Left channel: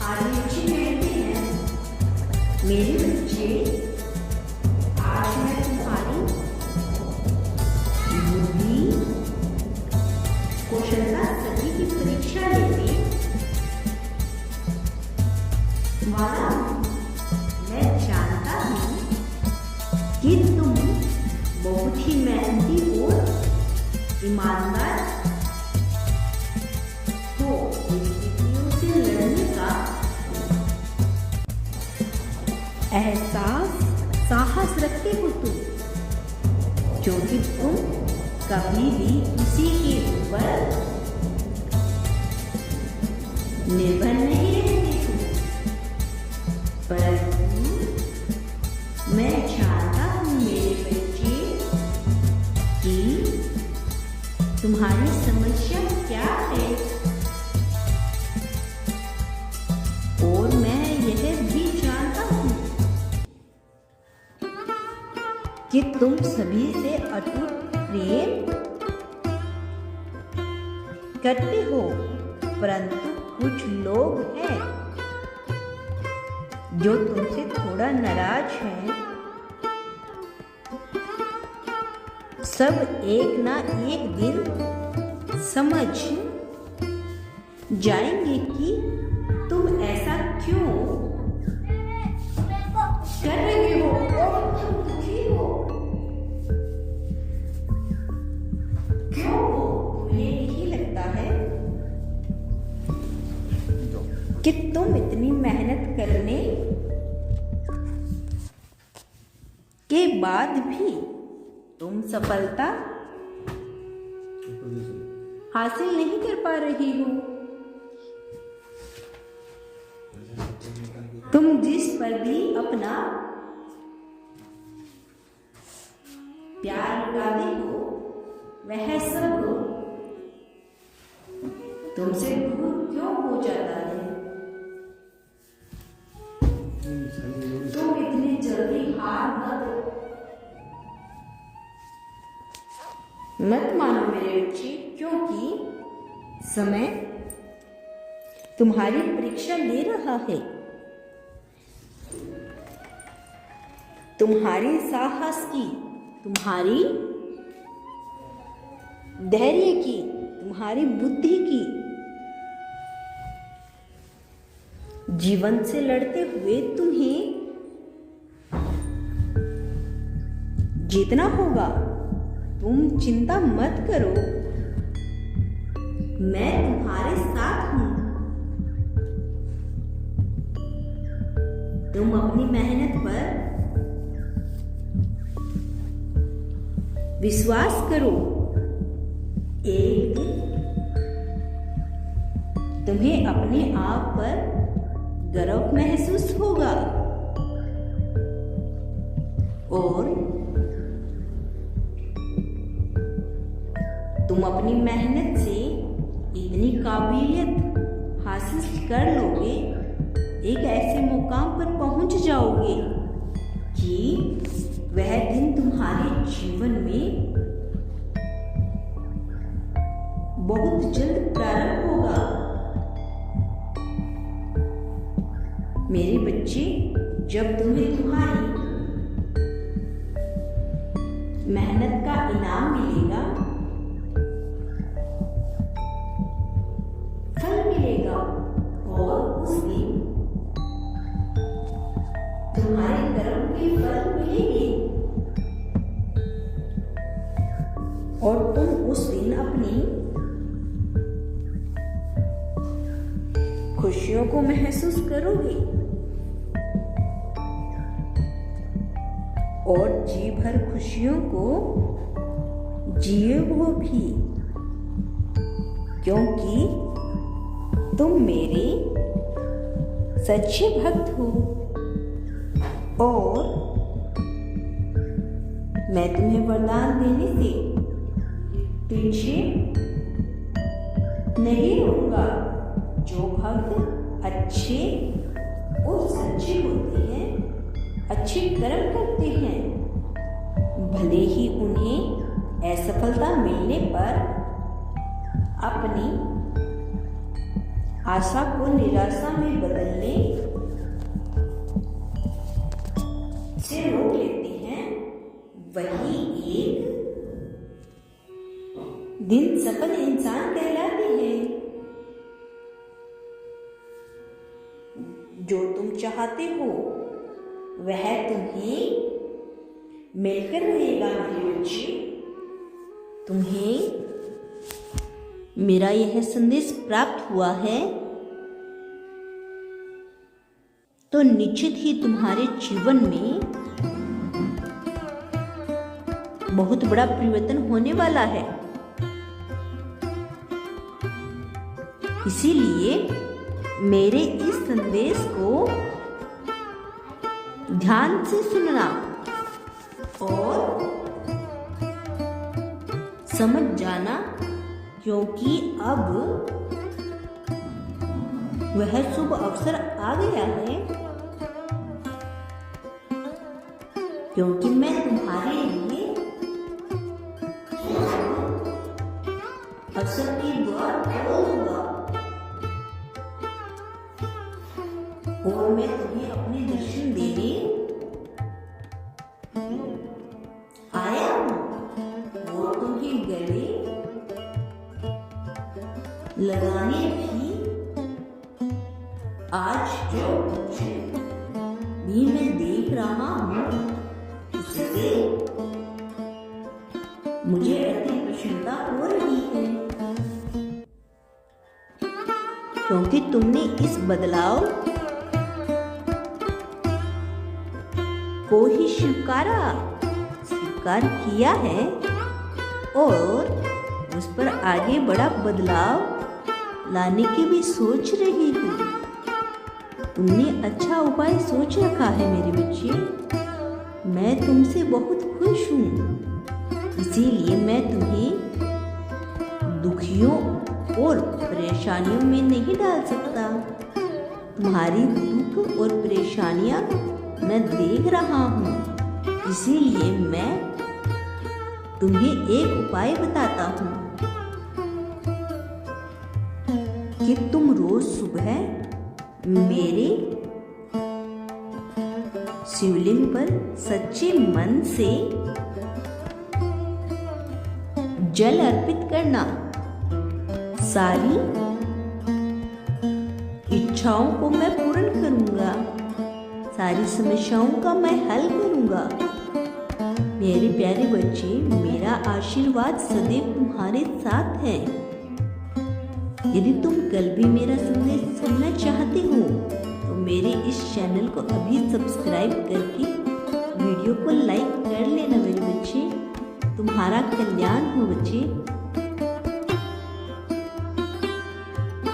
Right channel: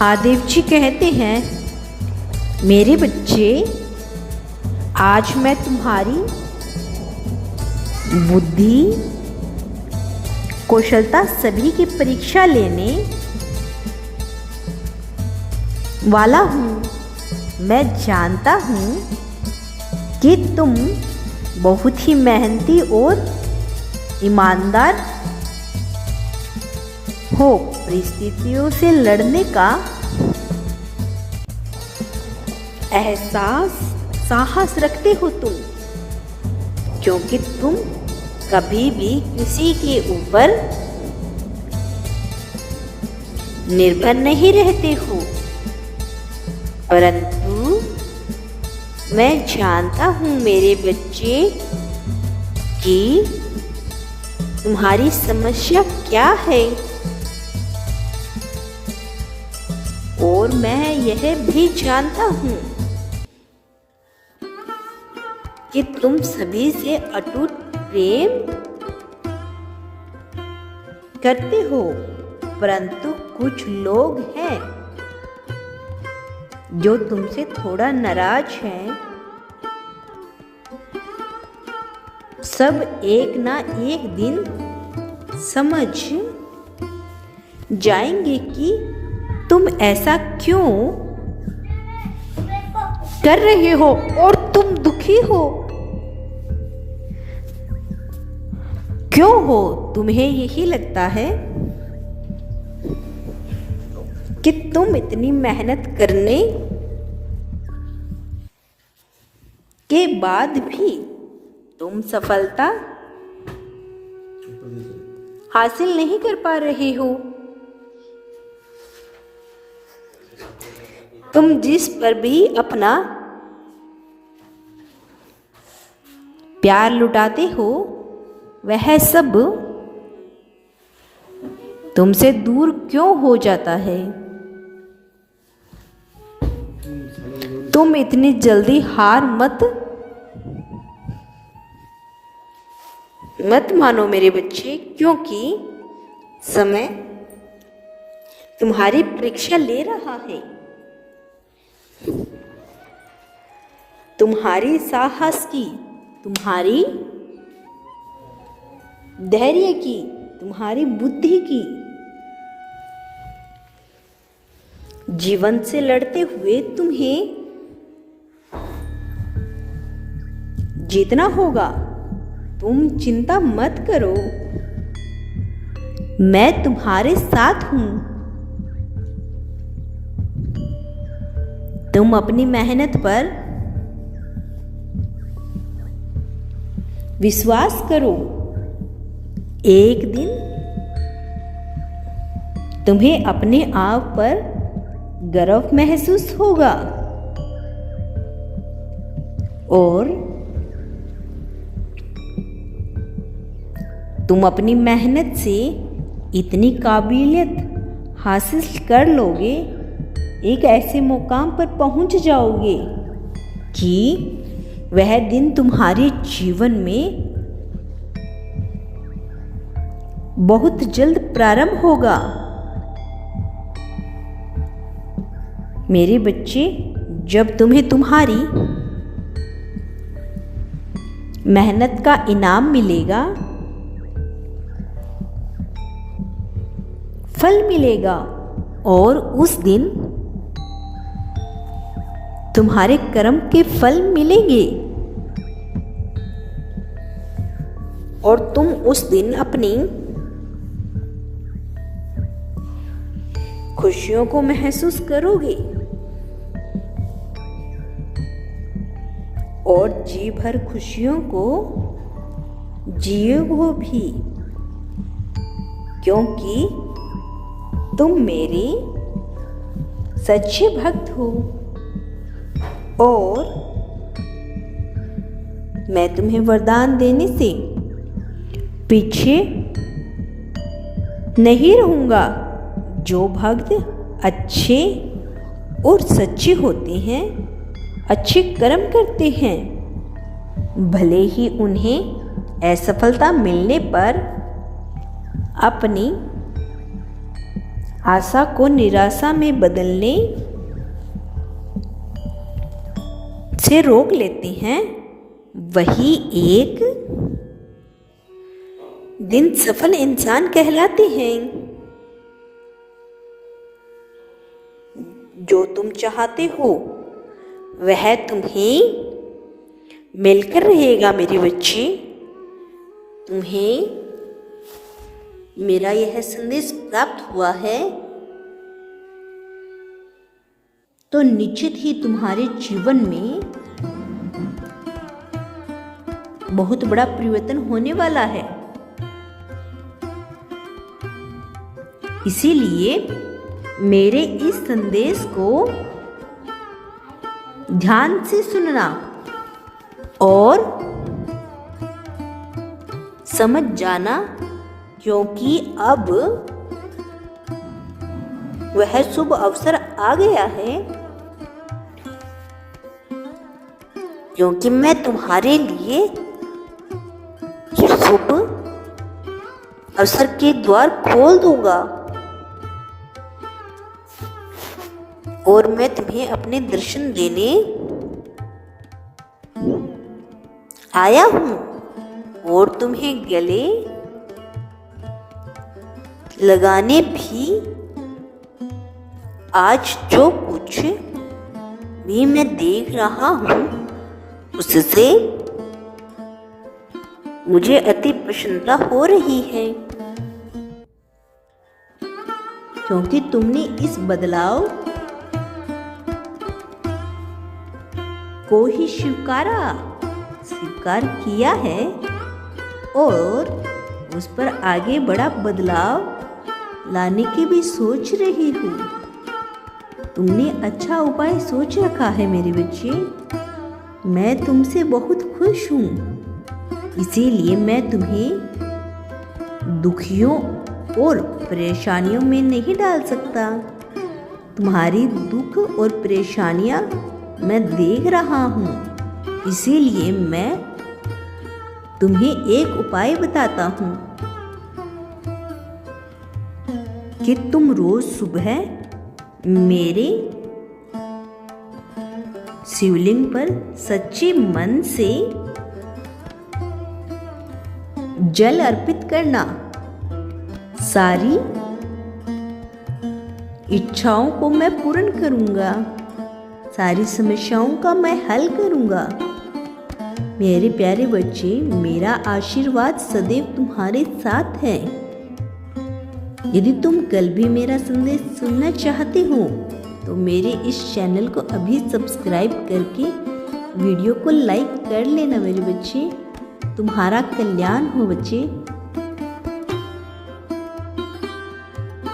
महादेव जी कहते हैं, मेरे बच्चे, आज मैं तुम्हारी बुद्धि कौशलता सभी की परीक्षा लेने वाला हूँ। मैं जानता हूँ कि तुम बहुत ही मेहनती और ईमानदार हो। परिस्थितियों से लड़ने का साहस रखते हो तुम, क्योंकि तुम कभी भी किसी के ऊपर निर्भर नहीं रहते हो। परंतु मैं जानता हूँ मेरे बच्चे कि तुम्हारी समस्या क्या है, और मैं यह भी जानता हूँ कि तुम सभी से अटूट प्रेम करते हो। परंतु कुछ लोग हैं जो तुमसे थोड़ा नाराज हैं। सब एक ना एक दिन समझ जाएंगे कि तुम ऐसा क्यों कर रहे हो और तुम दुखी हो क्यों हो। तुम्हें यही लगता है कि तुम इतनी मेहनत करने के बाद भी तुम सफलता हासिल नहीं कर पा रहे हो। तुम जिस पर भी अपना प्यार लुटाते हो, वह सब तुमसे दूर क्यों हो जाता है। तुम इतनी जल्दी हार मत मानो मेरे बच्चे, क्योंकि समय तुम्हारी परीक्षा ले रहा है। तुम्हारी साहस की, तुम्हारी धैर्य की, तुम्हारी बुद्धि की। जीवन से लड़ते हुए तुम्हें जीतना होगा। तुम चिंता मत करो, मैं तुम्हारे साथ हूं। तुम अपनी मेहनत पर विश्वास करो। एक दिन तुम्हें अपने आप पर गर्व महसूस होगा और तुम अपनी मेहनत से इतनी काबिलियत हासिल कर लोगे, एक ऐसे मुकाम पर पहुंच जाओगे कि वह दिन तुम्हारे जीवन में बहुत जल्द प्रारंभ होगा। मेरे बच्चे, जब तुम्हें तुम्हारी मेहनत का इनाम मिलेगा, फल मिलेगा, और उस दिन तुम्हारे कर्म के फल मिलेंगे, और तुम उस दिन अपनी खुशियों को महसूस करोगे और जी भर खुशियों को जियोगे भी, क्योंकि तुम मेरे सच्चे भक्त हो और मैं तुम्हें वरदान देने से पीछे नहीं रहूंगा। जो भक्त अच्छे और सच्चे होते हैं, अच्छे कर्म करते हैं, भले ही उन्हें असफलता मिलने पर अपनी आशा को निराशा में बदलने से रोक लेते हैं, वही एक दिन सफल इंसान कहलाते हैं। जो तुम चाहते हो वह तुम्हें मिलकर रहेगा मेरे बच्चे। तुम्हें मेरा यह संदेश प्राप्त हुआ है तो निश्चित ही तुम्हारे जीवन में बहुत बड़ा परिवर्तन होने वाला है। इसीलिए मेरे इस संदेश को ध्यान से सुनना और समझ जाना, क्योंकि अब वह शुभ अवसर आ गया है। क्योंकि मैं तुम्हारे लिए शुभ अवसर के द्वार खोल दूंगा और मैं तुम्हें अपने दर्शन देने आया हूं और तुम्हें गले लगाने भी आज जो कुछ भी मैं देख रहा हूं उससे मुझे अति प्रसन्नता हो रही है, क्योंकि तुमने इस बदलाव को ही स्वीकार किया है और उस पर आगे बड़ा बदलाव लाने की भी सोच रही हूँ। तुमने अच्छा उपाय सोच रखा है मेरे बच्चे। मैं तुमसे बहुत खुश हूँ, इसीलिए मैं तुम्हें दुखियों और परेशानियों में नहीं डाल सकता। तुम्हारी दुख और परेशानियां मैं देख रहा हूँ, इसीलिए मैं तुम्हें एक उपाय बताता हूँ कि तुम रोज सुबह मेरे शिवलिंग पर सच्चे मन से जल अर्पित करना। सारी इच्छाओं को मैं पूर्ण करूंगा, सारी समस्याओं का मैं हल करूंगा। मेरे प्यारे बच्चे, मेरा आशीर्वाद सदैव तुम्हारे साथ है। यदि तुम कल भी मेरा संदेश सुनना चाहते हो तो मेरे इस चैनल को अभी सब्सक्राइब करके वीडियो को लाइक कर लेना मेरे बच्चे। तुम्हारा कल्याण हो बच्चे।